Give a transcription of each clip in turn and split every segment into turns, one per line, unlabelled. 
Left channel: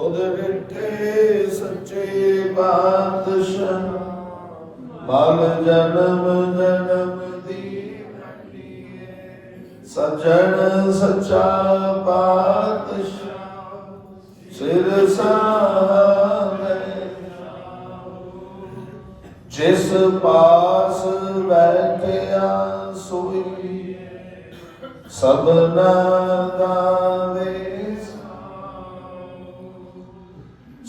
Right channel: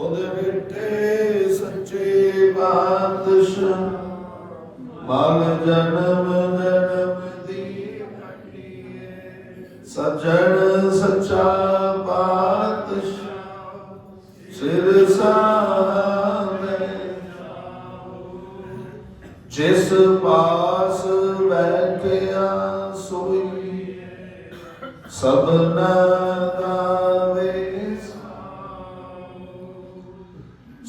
All the day. ਮਲ ਜਨਮ ਜਨਮ ਦੀ ਸਜਣ ਸੱਚਾ ਪਾਤਸ਼ਾਹ ਸਿਰ ਸਾਹਮਣੇ ਜਿਸ ਪਾਸ ਬੈਠਿਆ ਸੋਈ ਸਭਨਾ ਦਾ ਵੇਸ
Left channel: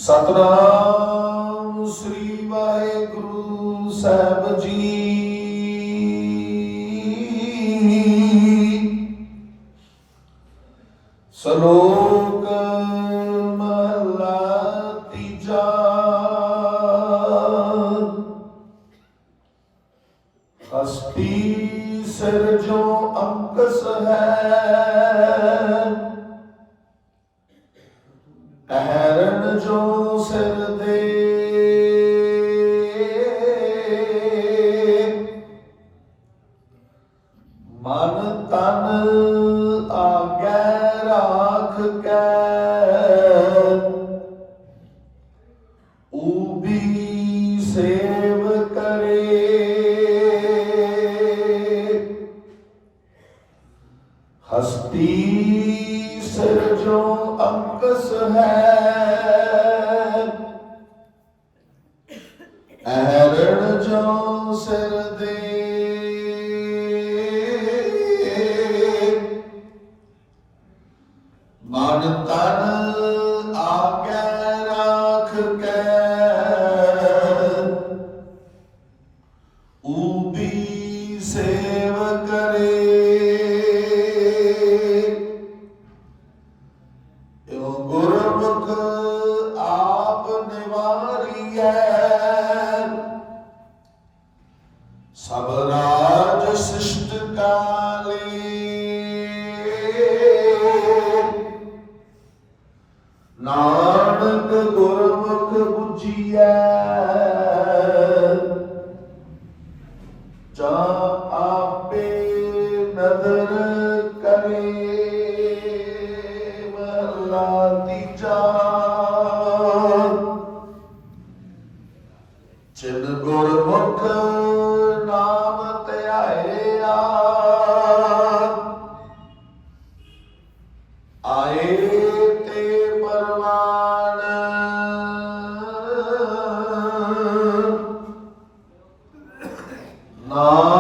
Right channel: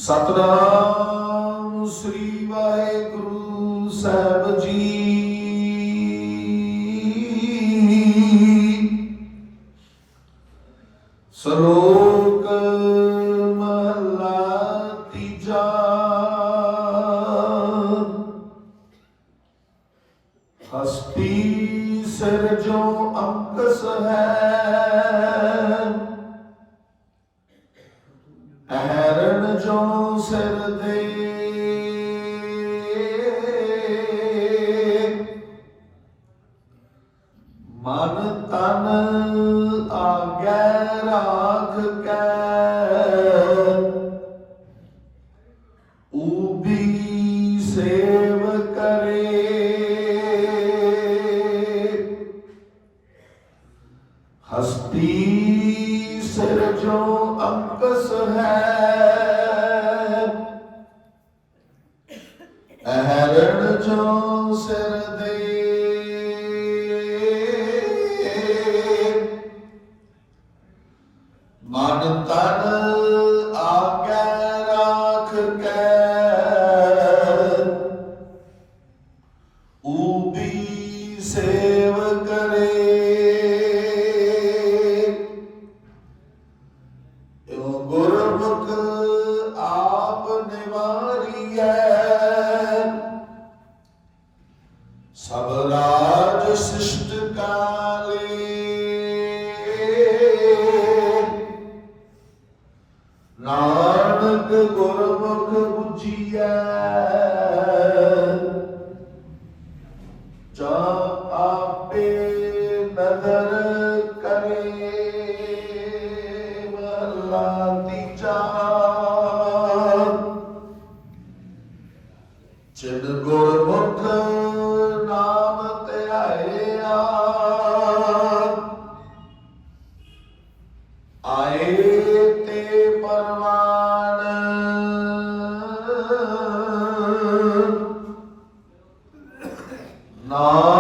ਸਤਨਾਮ ਸ੍ਰੀ ਵਾਹਿਗੁਰੂ। ਸਾਹਿਬ ਜੀ ਸ਼ਲੋਕ ਮਹਲਾ ਤੀਜਾ। ਹਸਤੀ ਸਿਰ ਜੋ ਅੰਕਸ ਹੈ। ਅਹਰਨ ਜੋ ਸਿਰ ਦੇ ਮਨ ਤਨ ਆਗੈ ਰਾਖ ਕੈ। ਊਬੀ ਸੇਵ ਕਰੇ। ਹਸਤੀ ਸਿਰ ਜੋ ਅੰਕਸ ਹੈ। ਅਹਰਣ ਜੋ ਸਿਰ ਦੇ ਮਨ ਤਨ ਆਗੈ ਰਾਖ ਕੈ। ਊਬੀ ਸੇਵ ਕਰੇ। ਓ ਗੁਰਮੁਖ ਆਪ ਨਿਵਾਰੀਐ। ਸਬਰਾ ਜਾ ਆਪੇ ਨਦਰ ਕਰੇ ਮਹਲਾ ਤੀਜਾ ਜਿਨ ਗੁਰਮੁਖ ਨਾਮ ਧਿਆਇਆ ਆਏ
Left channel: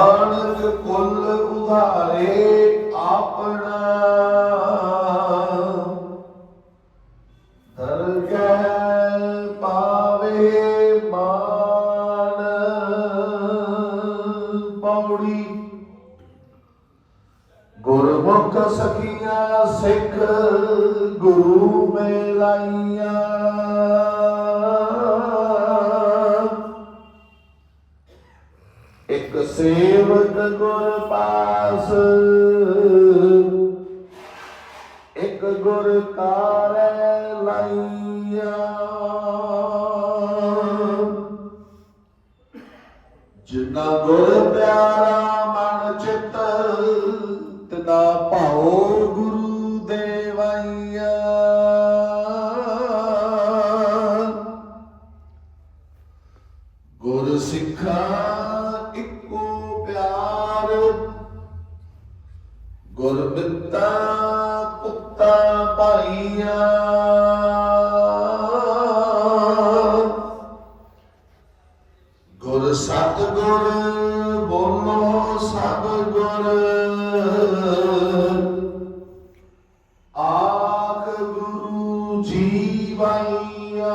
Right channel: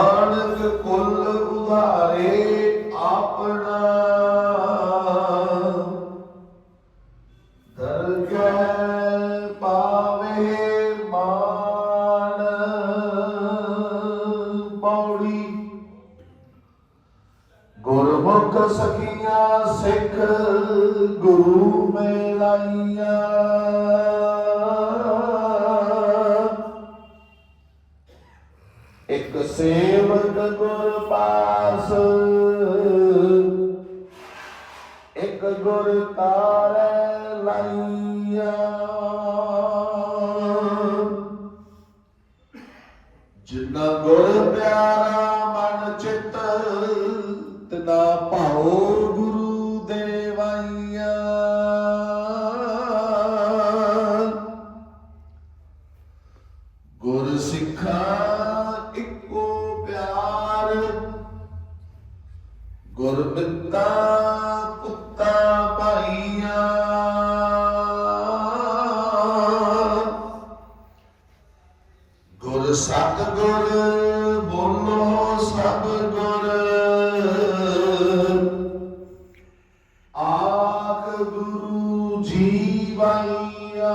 ਨਾਨਕ ਕੁਲ ਉਧਾਰੇ ਆਪਣਾ। ਦਰਗਹਿ ਪਾਵੇ ਮਾਨ। ਪੌੜੀ। ਗੁਰਮੁਖ ਸਖੀਆਂ ਸਿੱਖ ਗੁਰੂ ਮੇਲਾਈਆਂ। ਸੇਵਕ ਗੁਰ ਪਾਸ। ਇੱਕ ਗੁਰ ਤਾਰੈ ਲਾਈਆ। ਜਿਨਾ ਗੁਰ ਪਿਆਰਾ ਮਨ ਚਿਤ, ਤਨਾ ਭਾਉ ਗੁਰੂ ਦੇਵਾਈਆ। ਗੁਰ ਸਿੱਖਾ ਗੁਰ ਬਿੱਤਾ ਪੁੱਤਾ ਭਾਈਆਂ ਗੁਰ ਸਤ ਗੁਰ ਬੋਲੋ ਸਭ ਗੁਰ ਆਖ ਗੁਰੂ ਜੀ ਭਾਈਆ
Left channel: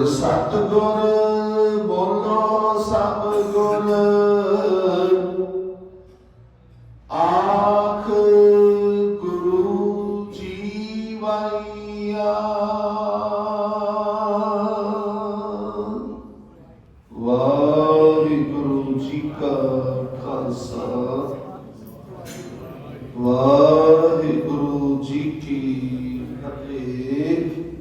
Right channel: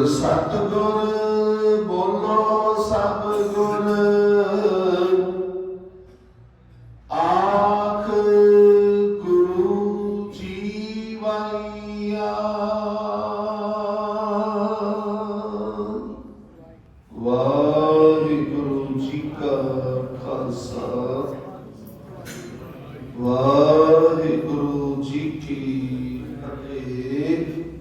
ਬੋਲ ਸਤਿਗੁਰ, ਬੋਲੋ ਸਭ ਗੁਰ। ਆਖ ਗੁਰੂ ਜੀਵਈਆ। ਵਾਹਿਗੁਰੂ ਜੀ ਕਾ ਖਾਲਸਾ। ਵਾਹਿਗੁਰੂ ਜੀ ਕੀ ਫਤਿਹ।